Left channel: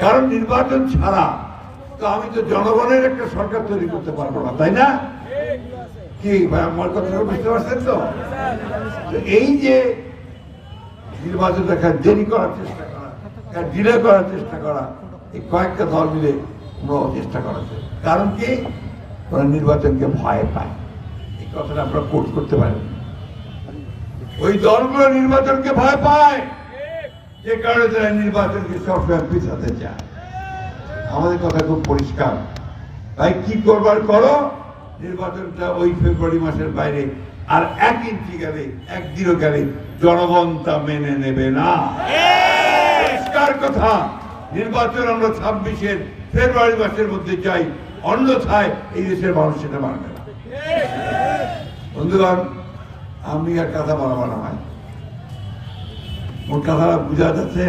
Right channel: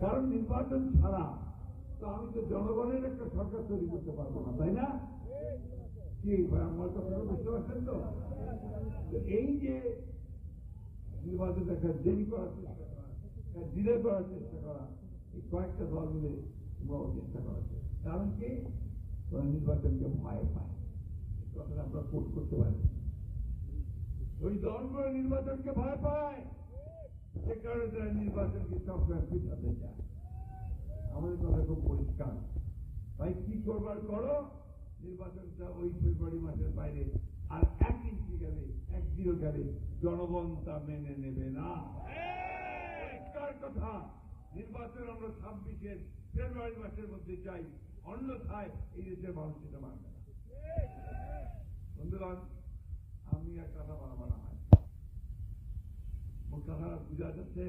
কারণ নির্বাচন ছাড়া তো আমি তো জনগণের একটা সরকার তৈরি করতে পারবো না, তাই না? কি ভাই আমার কথা বুঝতে পারছেন তো? এই যে নির্বাচন দেরি করার চেষ্টা করা, ডিলে করার চেষ্টা করা, এই কয়েকটা দল মিলে চেষ্টা করেছে। কারণ কি? ওরা নির্বাচনকে ভয় পায়। এই কথাটা আমরা কোট করতে পারি। ওই দলগুলো নির্বাচনকে ভয় পায়, যে কারণে তারা নির্বাচনকে সবসময় পিছাতে চায়। আমাদের কথা খুব পরিষ্কার, তাই কি করবার করো, নির্বাচনটা ওই ফেব্রুয়ারি মাসের বাইরে আর 1 ইঞ্চি গেলে, 1 দিনও গেলে জনগণ তা মেনে নেবে না। পরিষ্কার কথা, নির্বাচন আমরা 26-এর ফেব্রুয়ারি মাসের মধ্যে চাই, অন্যথায় এই দেশের মানুষ সেটা মানবে না। বন্ধুগণ, আমি আর কথা বলা হয়, ওর কথাটা বোঝা যাচ্ছে।